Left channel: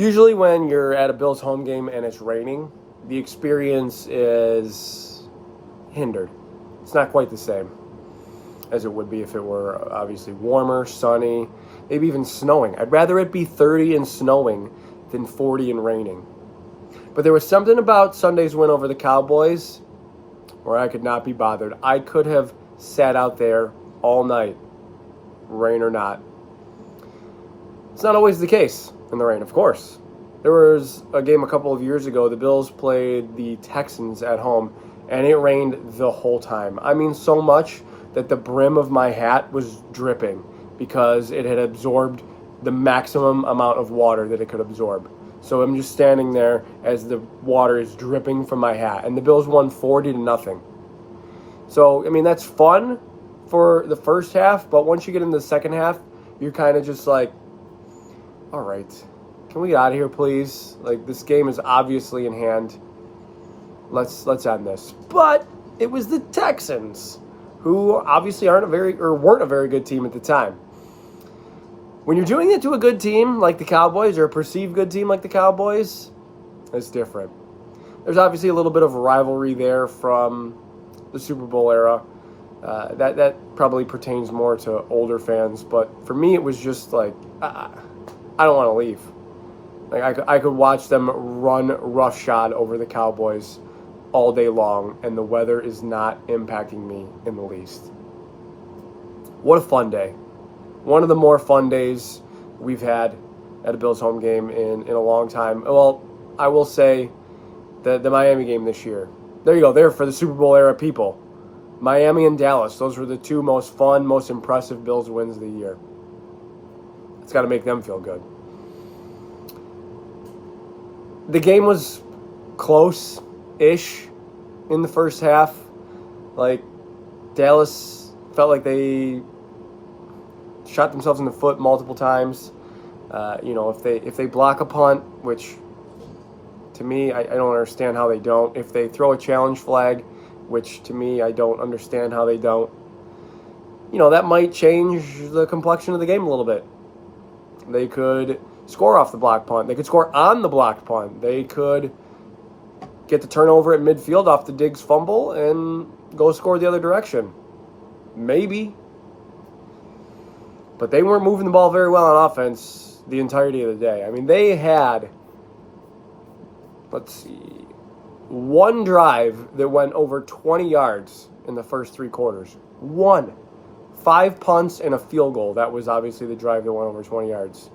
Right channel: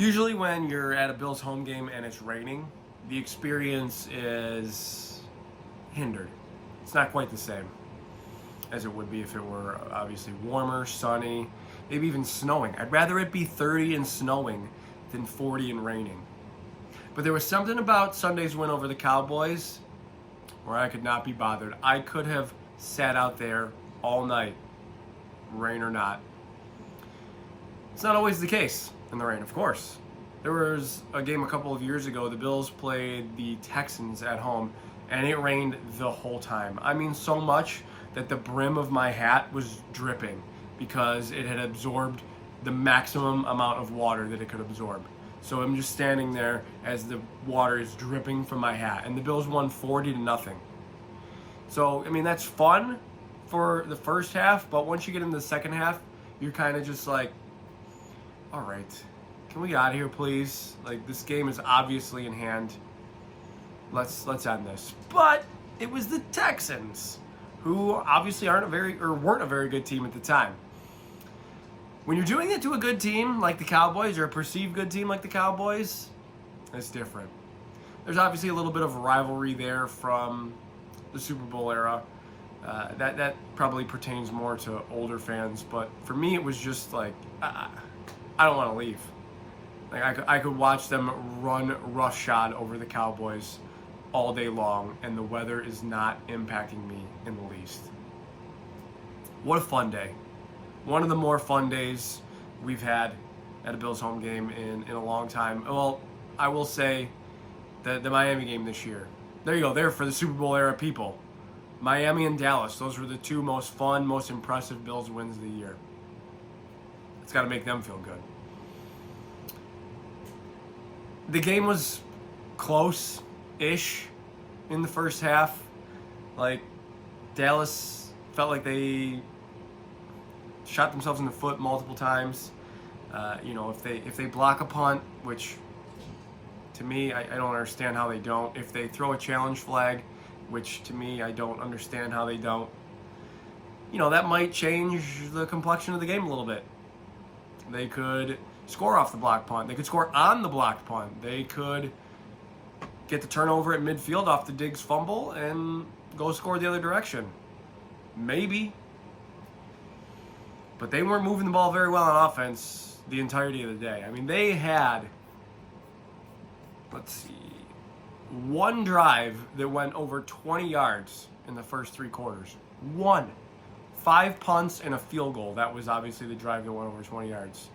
Usually when you're at a Bills home game and it's raining, the experience is hindered. It's not quite the same as it would be if it were obviously warmer, sunny, maybe even snowing. I'd rather it be 30 and snowing than 40 and raining. But there was something about Sunday's win over the Cowboys where I could not be bothered. I could have sat out there all night, rain or not. It's not always the case in the rain, of course. There was a game a couple of years ago. The Bills played the Texans at home, and it rained the whole time. I mean, so much that the brim of my hat was dripping because it had absorbed the maximum amount of water that it could absorb. So I'm just standing there as the water is dripping from my hat. And the Bills won 40-0. So, I mean, that's fun for the first half, but once you get into the second half, you're kind of just like, all right, can we get out of here, please? Like, this game is obviously in hand. Let's end this. But it was the Texans, who obviously weren't a very good team at the time. When you're doing it to a good team like the Cowboys, or a perceived good team like the Cowboys, it's different. There's obviously a little bit of rivalry there from the Super Bowl era. That probably pertains more to older fans, but for me, it was just like, I don't want to leave. Like I could watch them run roughshod over the Cowboys all day long, and the weather is not impacting me in the least. What a fun day. One of the more fun days we've had at a Bills home game in a long time. Well, I will say the Miami game this year. There you go, there for the Super Bowl era people. Miami and Dallas, those were the two most fun, most impressive Bills wins of the year. It's got to make them feel good. The game was close-ish in the first half. Like, Dallas felt like they shot themselves in the foot multiple times. If they block a punt, which to me, I don't understand how they don't. If they throw a challenge flag, which to me, I don't understand how they don't. That might change the complexion of the game a little bit. They could score off the block punt. They could score on the blocked punt. They could get the turnover at midfield off the Diggs fumble and go score the other direction. Maybe. But they weren't moving the ball very well on offense the entirety of the day. I mean, they had, one drive that went over 20 yards in the first three quarters. One. 5 punts and a field goal. That was obviously the drive that went over 20 yards.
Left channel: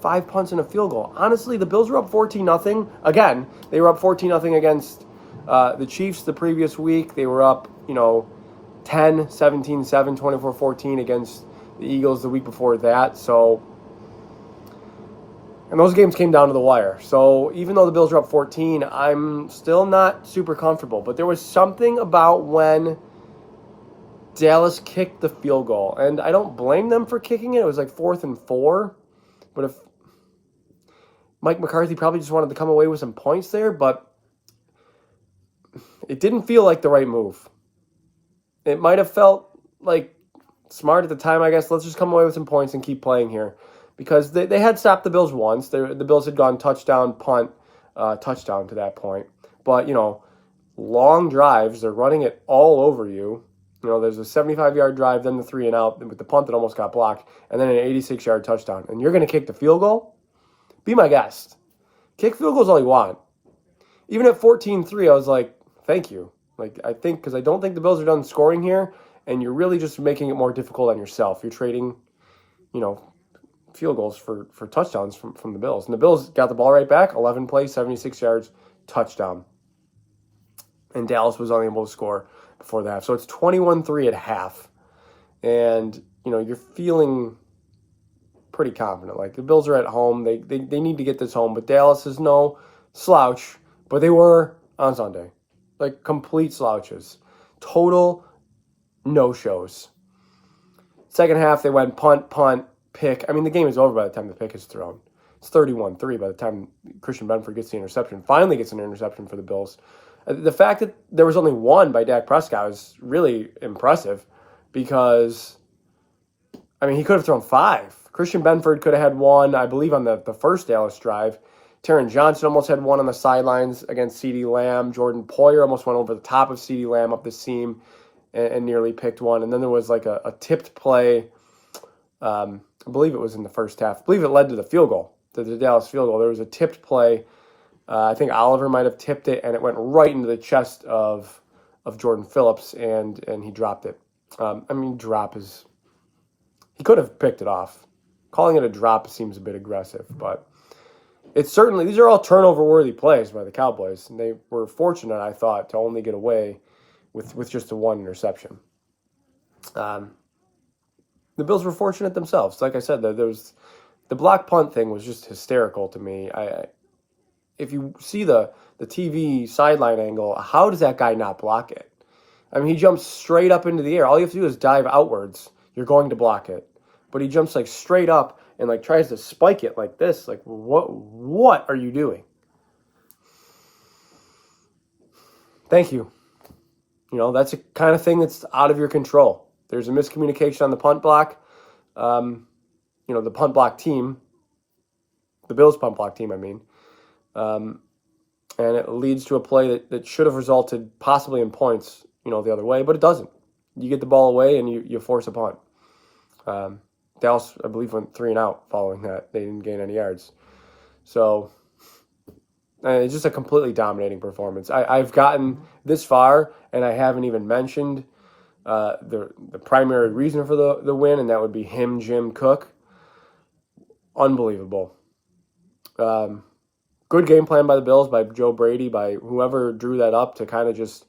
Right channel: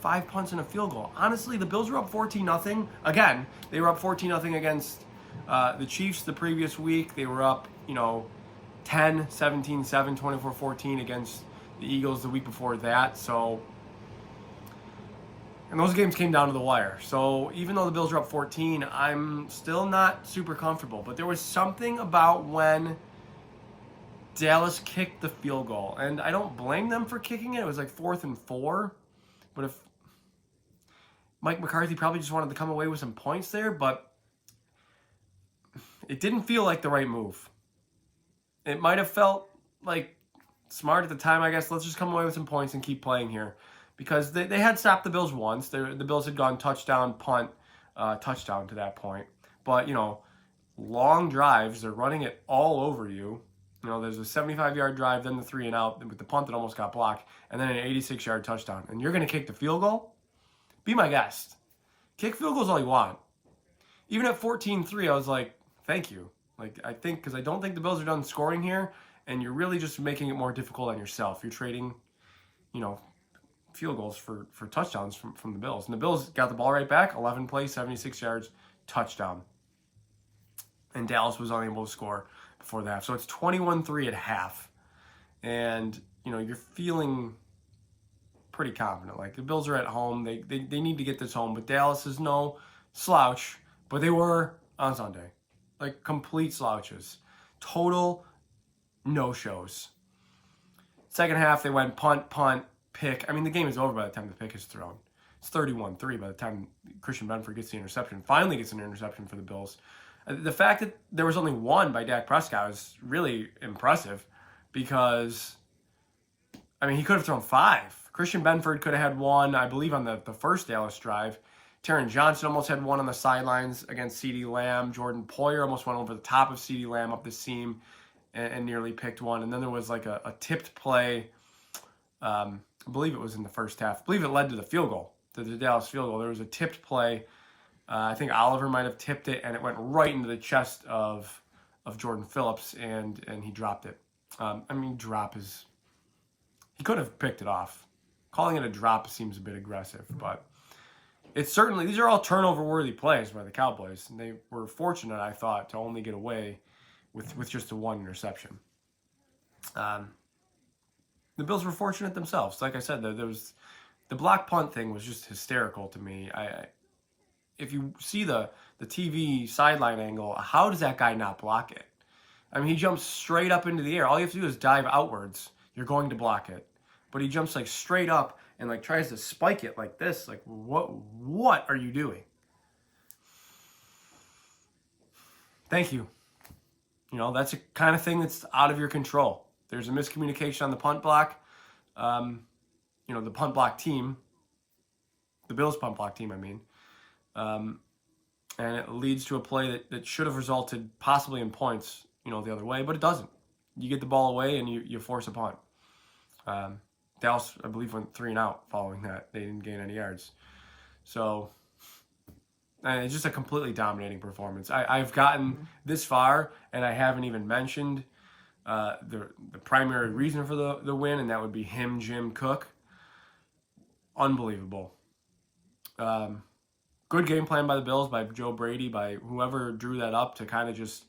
5 punts and a field goal. Honestly, the Bills were up 14-0. Again, they were up 14-0 against the Chiefs the previous week. They were up, 10, 17-7, 24-14 against the Eagles the week before that. So, and those games came down to the wire. So even though the Bills were up 14, I'm still not super comfortable. But there was something about when Dallas kicked the field goal. And I don't blame them for kicking it. It was like 4th and 4. But if Mike McCarthy probably just wanted to come away with some points there, but it didn't feel like the right move. It might have felt like smart at the time, I guess. Let's just come away with some points and keep playing here. Because they had stopped the Bills once. The Bills had gone touchdown, punt, touchdown to that point. But, long drives, they're running it all over you. There's a 75-yard drive, then the 3-and-out with the punt that almost got blocked, and then an 86-yard touchdown. And you're going to kick the field goal? Be my guest. Kick field goals all you want. Even at 14-3, I was like, thank you. Because I don't think the Bills are done scoring here, and you're really just making it more difficult on yourself. You're trading, field goals for touchdowns from the Bills. And the Bills got the ball right back, 11 plays, 76 yards, touchdown. And Dallas was unable to score before the half. So it's 21-3 at half. And, you're feeling pretty confident. Like, the Bills are at home. They need to get this home. But Dallas is no slouch. But they were on Sunday. Like, complete slouches. Total no-shows. Second half, they went punt, pick. I mean, the game is over by the time the pick is thrown. It's 31-3 by the time Christian Benford gets the interception. Finally gets an interception for the Bills. The fact that there was only one by Dak Prescott is really impressive because, he could have thrown 5. Christian Benford could have had one, I believe, on the first Dallas drive. Taron Johnson almost had one on the sidelines against CeeDee Lamb. Jordan Poyer almost went over the top of CeeDee Lamb up the seam and nearly picked one. And then there was like a tipped play. I believe it was in the first half. I believe it led to the field goal, to the Dallas field goal. There was a tipped play. I think Oliver might have tipped it, and it went right into the chest of Jordan Phillips, and he dropped it. He could have picked it off. Calling it a drop seems a bit aggressive, but it's certainly, these are all turnover-worthy plays by the Cowboys, and they were fortunate, I thought, to only get away with just the one interception. The Bills were fortunate themselves. Like I said, there was the block punt thing was just hysterical to me. If you see the TV sideline angle, how does that guy not block it? I mean, he jumps straight up into the air. All you have to do is dive outwards. You're going to block it. But he jumps like straight up and like tries to spike it like this. Like, what are you doing? Thank you. You know, that's a kind of thing that's out of your control. There's a miscommunication on the punt block. The punt block team, the Bills punt block team, I mean. And it leads to a play that should have resulted possibly in points, the other way, but it doesn't. You get the ball away and you force a punt. Dallas, I believe, went 3 and out following that. They didn't gain any yards. So it's just a completely dominating performance. I've gotten this far, and I haven't even mentioned the primary reason for the win, and that would be Jim Cook. Unbelievable. Good game plan by the Bills, by Joe Brady, by whoever drew that up to kind of just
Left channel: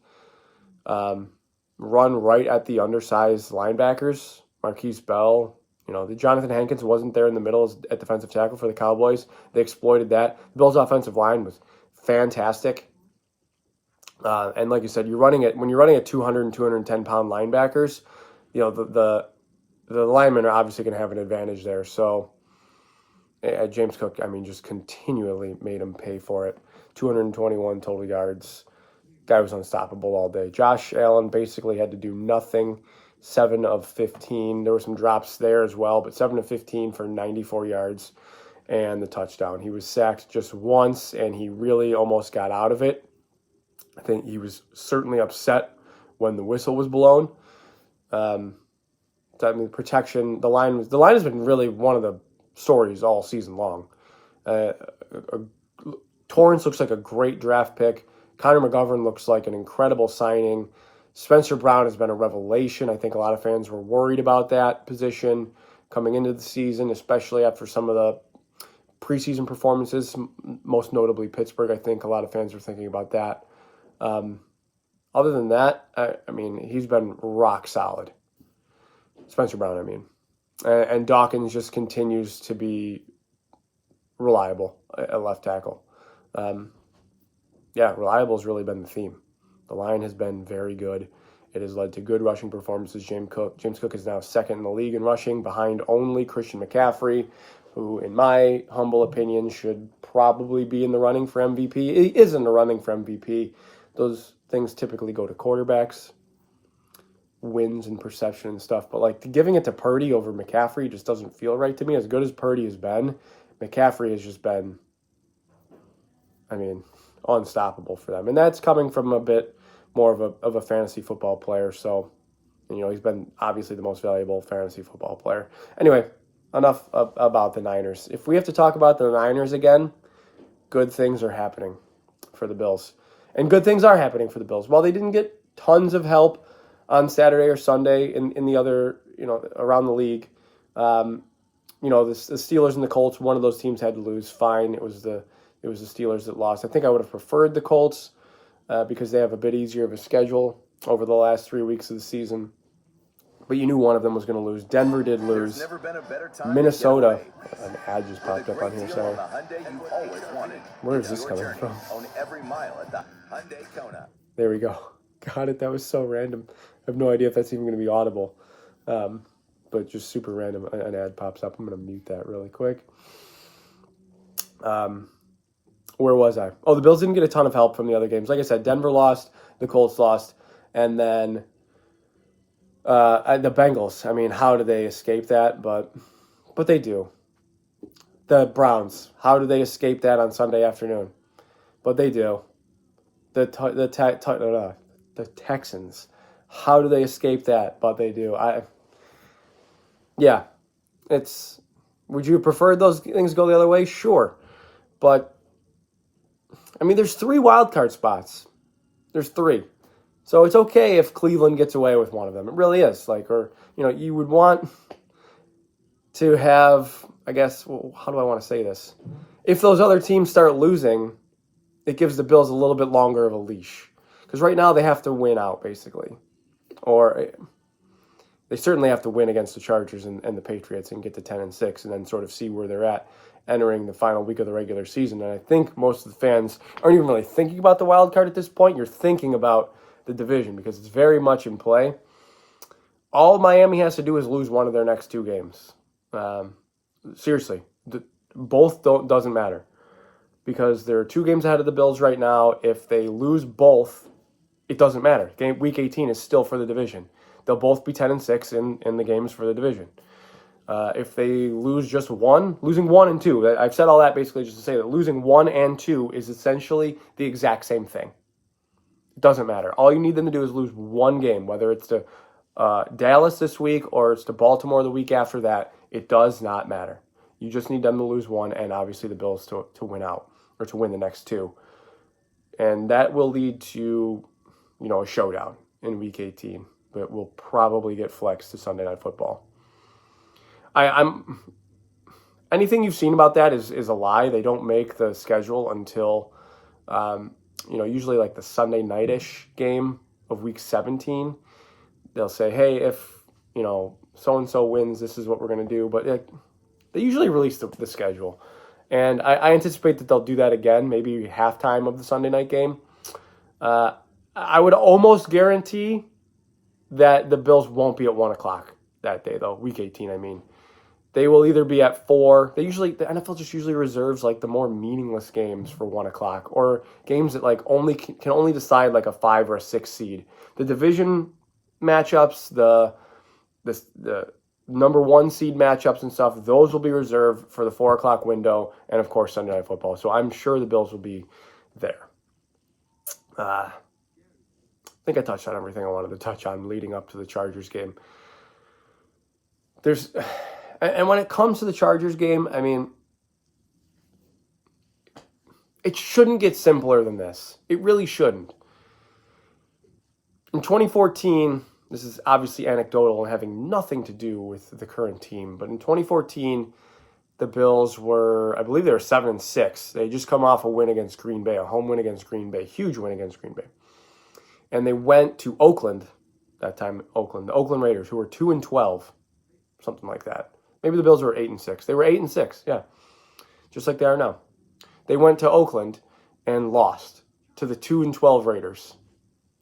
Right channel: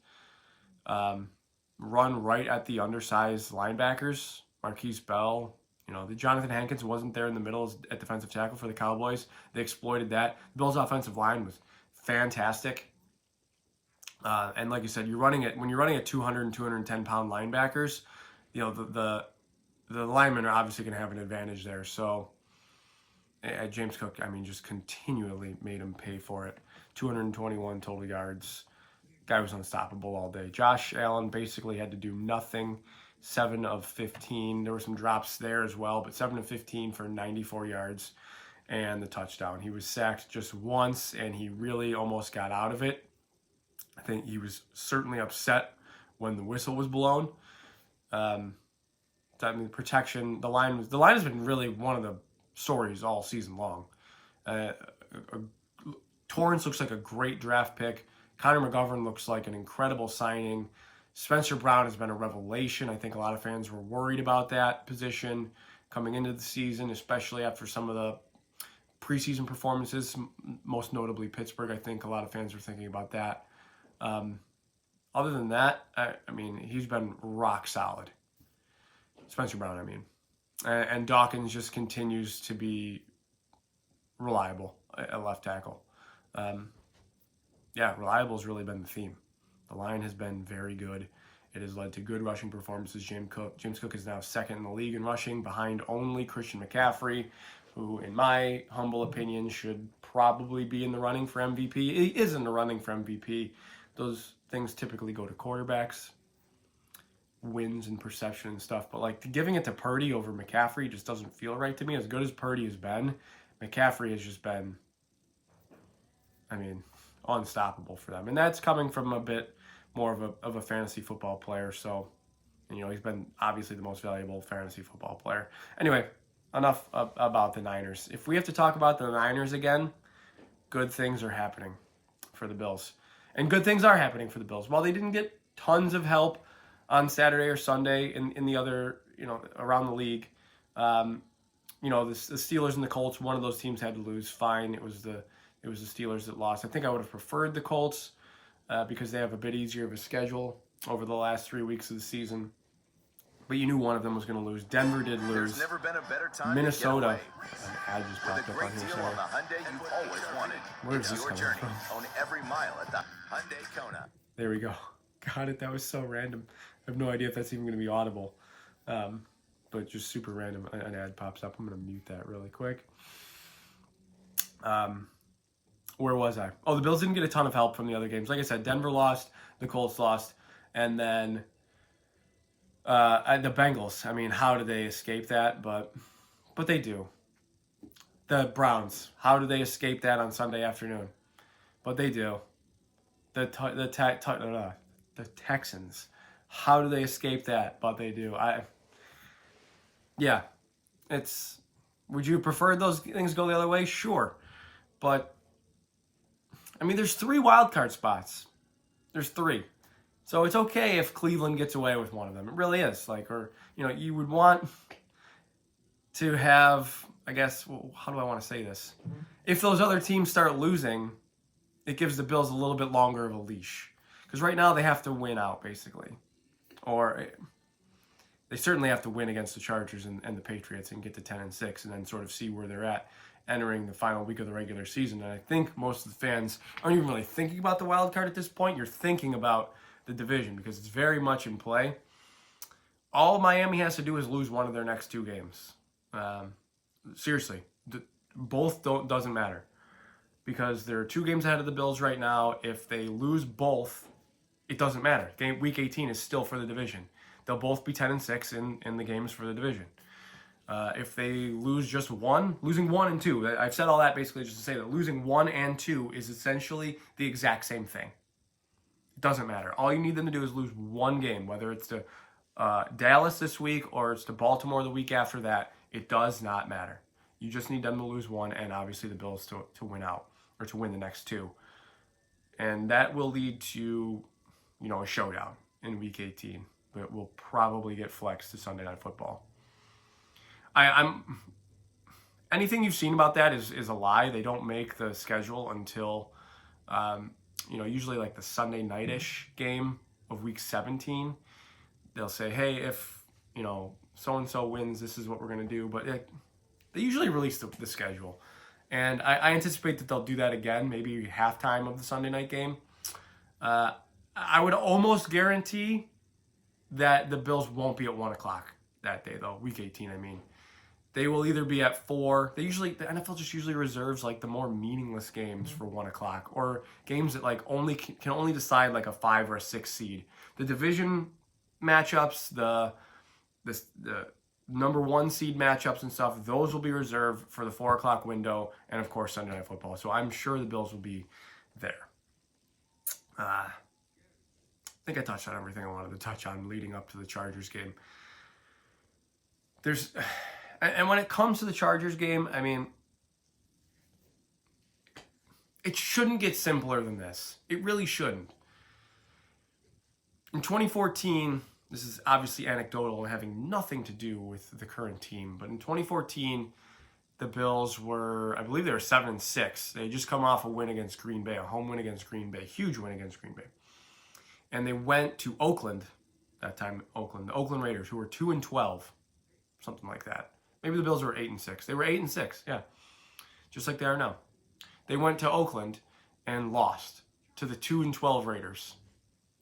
run right at the undersized linebackers. Marquise Bell, the Jonathan Hankins wasn't there in the middle at defensive tackle for the Cowboys. They exploited that. The Bills' offensive line was fantastic. And like you said, when you're running at 200 and 210 pound linebackers, the linemen are obviously going to have an advantage there. So James Cook, just continually made him pay for it. 221 total yards. Guy was unstoppable all day. Josh Allen basically had to do nothing. 7 of 15. There were some drops there as well, but 7 of 15 for 94 yards and the touchdown. He was sacked just once, and he really almost got out of it. I think he was certainly upset when the whistle was blown. Protection. The line has been really one of the stories all season long. Torrance looks like a great draft pick. Connor McGovern looks like an incredible signing. Spencer Brown has been a revelation. I think a lot of fans were worried about that position coming into the season, especially after some of the preseason performances, most notably Pittsburgh. I think a lot of fans were thinking about that. Other than that, he's been rock solid. Spencer Brown, And Dawkins just continues to be reliable at left tackle. Reliable has really been the theme. The line has been very good. It has led to good rushing performances. James Cook is now second in the league in rushing, behind only Christian McCaffrey, who, in my humble opinion, should probably be in the running for MVP. He is in the running for MVP. Those things typically go to quarterbacks, wins and perception and stuff. But giving it to Purdy over McCaffrey just doesn't feel right to me. As good as Purdy has been, McCaffrey has just been, unstoppable for them. And that's coming from a bit more of a fantasy football player. So, he's been obviously the most valuable fantasy football player. Anyway, enough about the Niners. If we have to talk about the Niners again, good things are happening for the Bills. And good things are happening for the Bills. While they didn't get tons of help on Saturday or Sunday in the other, around the league, the Steelers and the Colts, one of those teams had to lose. Fine. It was the Steelers that lost. I think I would have preferred the Colts because they have a bit easier of a schedule over the last 3 weeks of the season. But you knew one of them was going to lose. Denver did lose. There's never been a better time. Minnesota. An ad just popped up on here. Sorry. Where is this coming from? On every mile at the Hyundai Kona. There we go. Got it. That was so random. I have no idea if that's even going to be audible. But just super random. An ad pops up. I'm going to mute that really quick. Where was I? Oh, the Bills didn't get a ton of help from the other games. Like I said, Denver lost, the Colts lost, and then the Bengals. How did they escape that? But But they do. The Browns, how do they escape that on Sunday afternoon? But they do. The Texans, how do they escape that? But they do. Yeah, it's. Would you prefer those things go the other way? Sure, but I mean, there's 3 wild card spots. There's 3, so it's okay if Cleveland gets away with one of them. It really is. Like, or you would want to have. I guess. Well, how do I want to say this? If those other teams start losing, it gives the Bills a little bit longer of a leash. Because right now they have to win out, basically. Or they certainly have to win against the Chargers and the Patriots and get to 10-6 and then sort of see where they're at entering the final week of the regular season. And I think most of the fans aren't even really thinking about the wild card at this point. You're thinking about the division because it's very much in play. All Miami has to do is lose one of their next 2 games. Seriously, both doesn't matter. Because there are 2 games ahead of the Bills right now. If they lose both, it doesn't matter. Week 18 is still for the division. They'll both be 10-6 in the games for the division. If they lose just one, losing 1 and 2, I've said all that basically just to say that losing 1 and 2 is essentially the exact same thing. It doesn't matter. All you need them to do is lose 1 game, whether it's to Dallas this week or it's to Baltimore the week after that. It does not matter. You just need them to lose 1 and obviously the Bills to win out or to win the next 2. And that will lead to, a showdown in Week 18. But will probably get flexed to Sunday Night Football. I'm anything you've seen about that is a lie. They don't make the schedule until, usually like the Sunday night-ish game of Week 17. They'll say, hey, if, so-and-so wins, this is what we're going to do. But they usually release the schedule. And I anticipate that they'll do that again, maybe halftime of the Sunday night game. I would almost guarantee that the Bills won't be at 1 o'clock that day, though. Week 18, I mean. They will either be at 4. The NFL just usually reserves like the more meaningless games for 1 o'clock, or games that like can only decide like a 5 or a 6 seed. The division matchups, the number 1 seed matchups and stuff, those will be reserved for the 4 o'clock window, and of course Sunday Night Football. So I'm sure the Bills will be there. I think I touched on everything I wanted to touch on leading up to the Chargers game. And when it comes to the Chargers game, I mean, it shouldn't get simpler than this. It really shouldn't. In 2014, this is obviously anecdotal and having nothing to do with the current team, but in 2014, the Bills were, I believe they were 7-6. They had just come off a win against Green Bay, a home win against Green Bay, huge win against Green Bay. And they went to Oakland, that time the Oakland Raiders, who were 2-12, something like that. Maybe the Bills were 8-6. They were 8-6, yeah, just like they are now. They went to Oakland and lost to the 2-12 Raiders.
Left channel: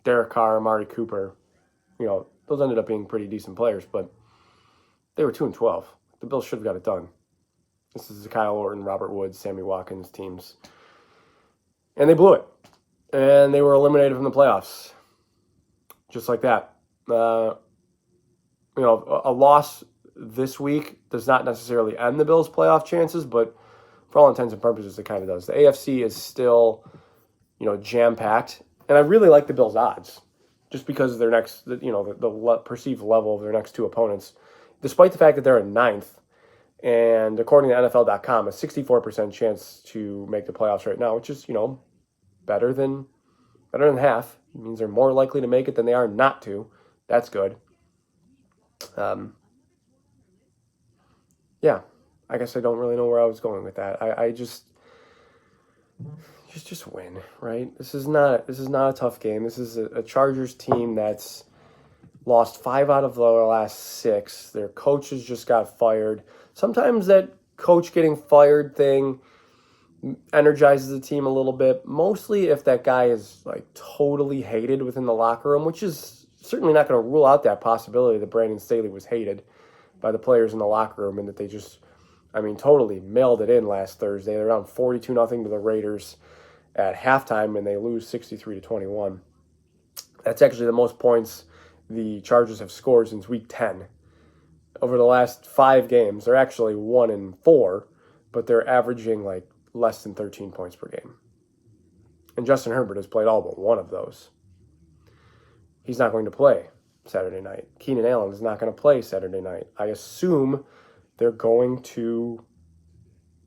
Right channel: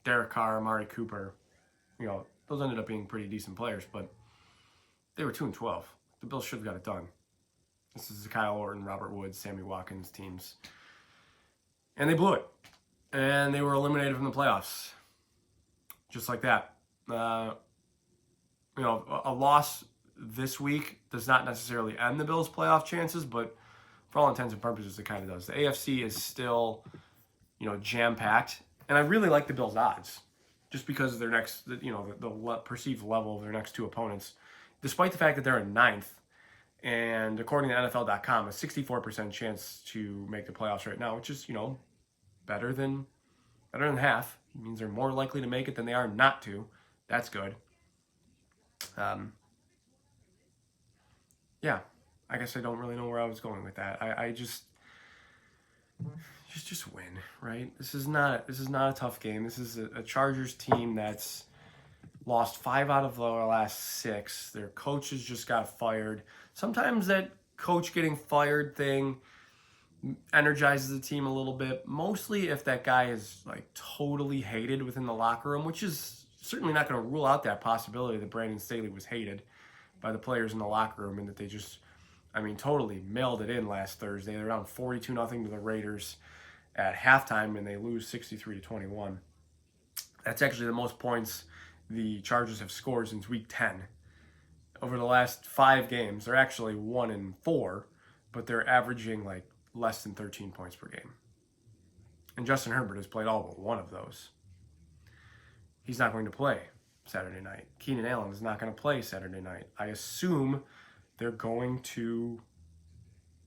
Derek Carr, Amari Cooper, those ended up being pretty decent players, but they were 2-12. The Bills should have got it done. This is the Kyle Orton, Robert Woods, Sammy Watkins teams. And they blew it. And they were eliminated from the playoffs. Just like that. A loss this week does not necessarily end the Bills' playoff chances, but for all intents and purposes, it kind of does. The AFC is still, jam-packed. And I really like the Bills' odds, just because of their next, the perceived level of their next 2 opponents, despite the fact that they're in 9th. And according to NFL.com, a 64% chance to make the playoffs right now, which is, better than half. It means they're more likely to make it than they are not to. That's good. Yeah, I guess I don't really know where I was going with that. I just win, right? This is not a tough game. This is a Chargers team that's lost 5 out of their last 6. Their coaches just got fired. Sometimes that coach getting fired thing energizes the team a little bit, mostly if that guy is like totally hated within the locker room, which is certainly not going to rule out that possibility that Brandon Staley was hated by the players in the locker room and that they just, totally mailed it in last Thursday. They're down 42-0 to the Raiders at halftime and they lose 63-21. That's actually the most points the Chargers have scored since week 10. over the last 5 games, they're actually 1-4, but they're averaging like less than 13 points per game. And Justin Herbert has played all but one of those. He's not going to play Saturday night. Keenan Allen is not going to play Saturday night. I assume they're going to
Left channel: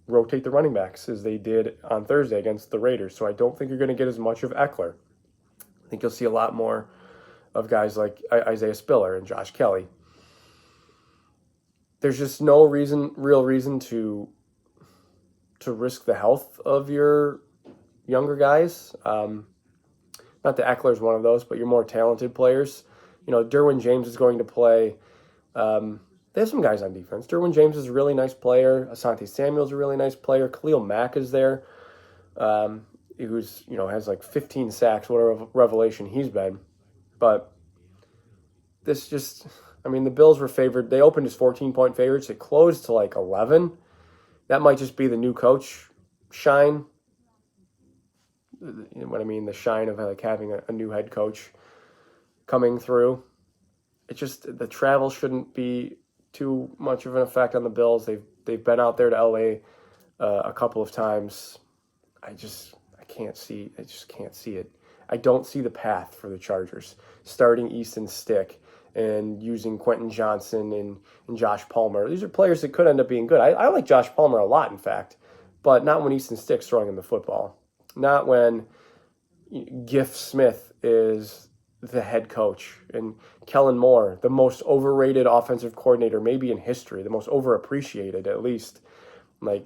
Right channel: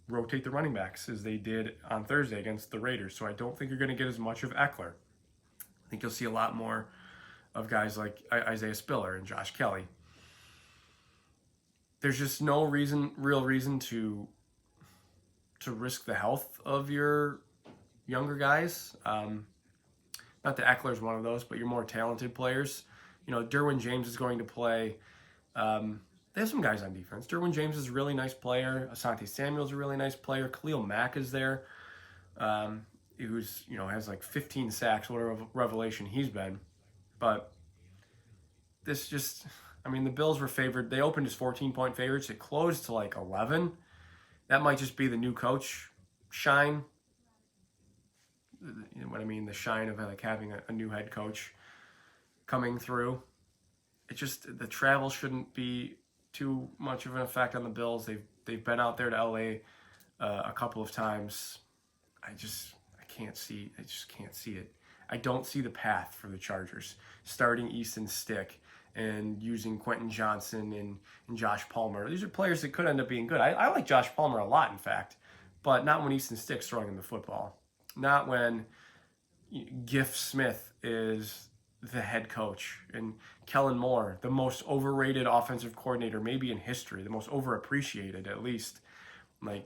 rotate the running backs as they did on Thursday against the Raiders. So I don't think you're going to get as much of Eckler. I think you'll see a lot more of guys like Isaiah Spiller and Josh Kelly. There's just no real reason to risk the health of your younger guys. Not that Eckler's one of those, but your more talented players. You know, Derwin James is going to play. They have some guys on defense. Derwin James is a really nice player. Asante Samuel's a really nice player. Khalil Mack is there, who's, you know, has like 15 sacks, what a revelation he's been. But this just, I mean, the Bills were favored. They opened as 14-point favorites. It closed to like 11. That might just be the new coach shine. You know what I mean? The shine of like having a new head coach coming through. It just, the travel shouldn't be too much of an effect on the Bills. They've been out there to LA a couple of times. I just can't see it. I don't see the path for the Chargers starting Easton Stick and using Quentin Johnson and Josh Palmer. These are players that could end up being good. I like Josh Palmer a lot, in fact, but not when Easton Stick's throwing him the football. Not when Giff Smith is the head coach and Kellen Moore, the most overrated offensive coordinator maybe in history, the most overappreciated at least. Like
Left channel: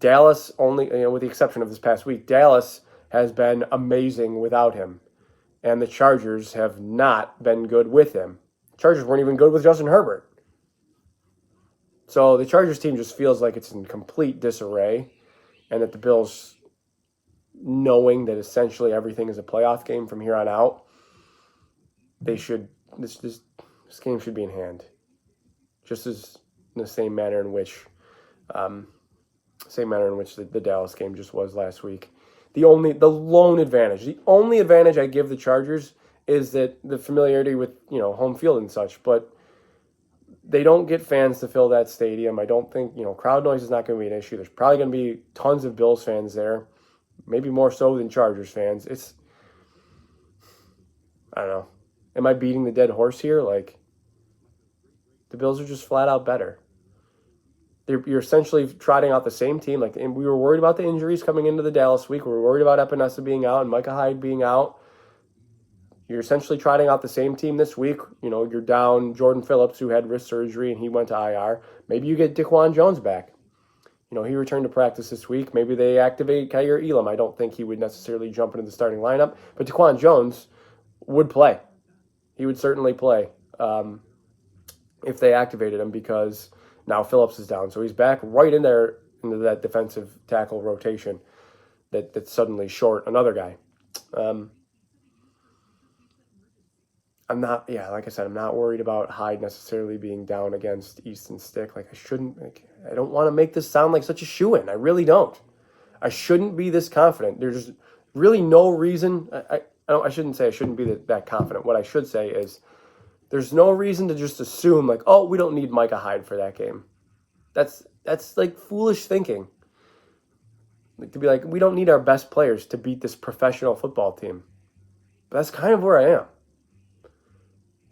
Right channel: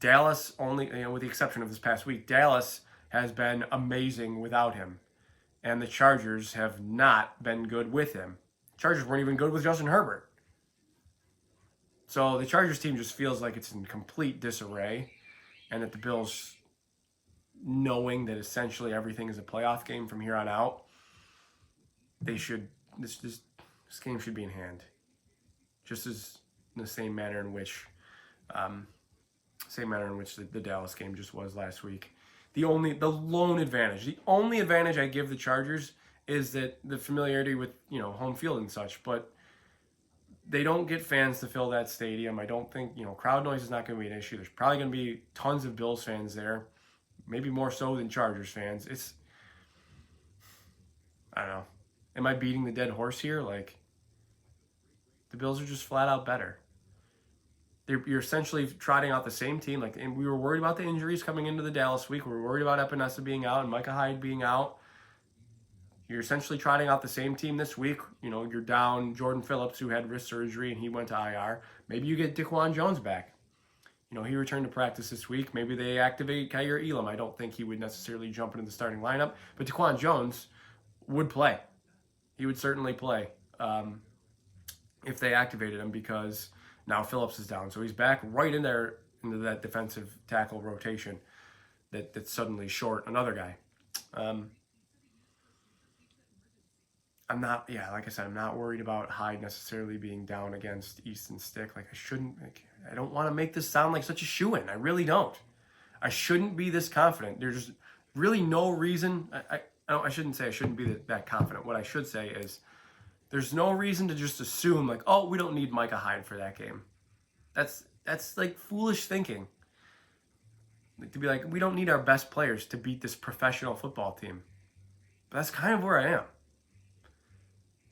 Dallas, only, you know, with the exception of this past week, Dallas has been amazing without him, and the Chargers have not been good with him. Chargers weren't even good with Justin Herbert. So the Chargers team just feels like it's in complete disarray, and that the Bills, knowing that essentially everything is a playoff game from here on out, this game should be in hand, just as in the same manner in which the Dallas game just was last week. The only advantage I give the Chargers is that the familiarity with, you know, home field and such, but they don't get fans to fill that stadium. I don't think, you know, crowd noise is not going to be an issue. There's probably going to be tons of Bills fans there, maybe more so than Chargers fans. I don't know. Am I beating the dead horse here? Like, the Bills are just flat out better. You're essentially trotting out the same team. Like, and we were worried about the injuries coming into the Dallas week. We were worried about Epinesa being out and Micah Hyde being out. You're essentially trotting out the same team this week. You know, you're down Jordan Phillips, who had wrist surgery and he went to IR. Maybe you get Daquan Jones back. You know, he returned to practice this week. Maybe they activate Kyer Elam. I don't think he would necessarily jump into the starting lineup, but Daquan Jones would play. He would certainly play if they activated him, because now Phillips is down. So he's back right in there into that defensive tackle rotation that's suddenly short another guy. Like I said, I'm not worried about Hyde necessarily being down against Easton Stick. I don't want to make this sound like such a shoo-in. I really don't. I shouldn't be this confident. There's really no reason. I shouldn't say I shouldn't be that confident. What I should say is there's no reason to just assume like, oh, we don't need Micah Hyde for that game. That's like foolish thinking. Like, to be like, we don't need our best players to beat this professional football team. But that's kind of where I am.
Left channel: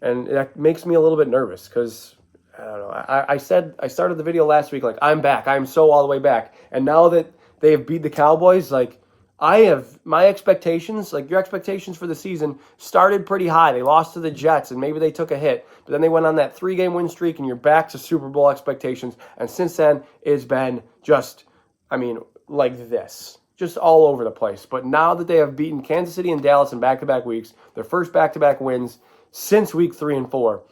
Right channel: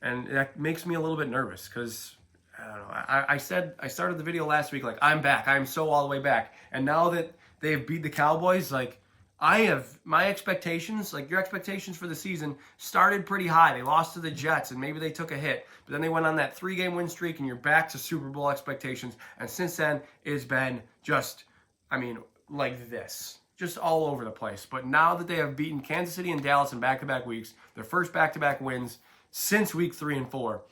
And that makes me a little bit nervous because, I don't know, I started the video last week like, I'm back. I'm so all the way back. And now that they have beat the Cowboys, like, I have my expectations, like your expectations for the season, started pretty high. They lost to the Jets, and maybe they took a hit. But then they went on that 3-game win streak, and you're back to Super Bowl expectations. And since then, it's been just, like this. Just all over the place. But now that they have beaten Kansas City and Dallas in back-to-back weeks, their first back-to-back wins since week 3 and 4,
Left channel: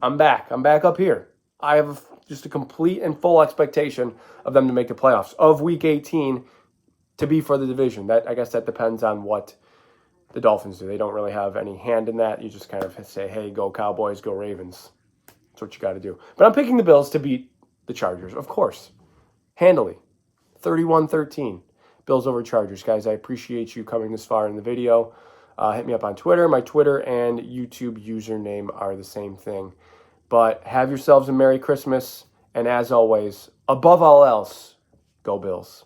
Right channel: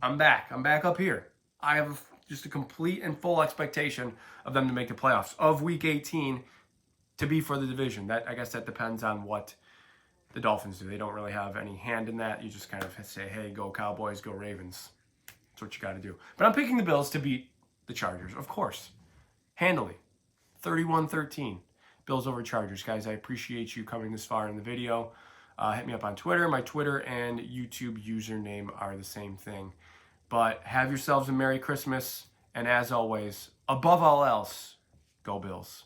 I'm back. I'm back up here. I have just a complete and full expectation of them to make the playoffs, of week 18 to be for the division. I guess that depends on what the Dolphins do. They don't really have any hand in that. You just kind of say, hey, go Cowboys, go Ravens. That's what you got to do. But I'm picking the Bills to beat the Chargers, of course. Handily. 31-13. Bills over Chargers. Guys, I appreciate you coming this far in the video. Hit me up on Twitter. My Twitter and YouTube username are the same thing. But have yourselves a Merry Christmas. And as always, above all else, go Bills.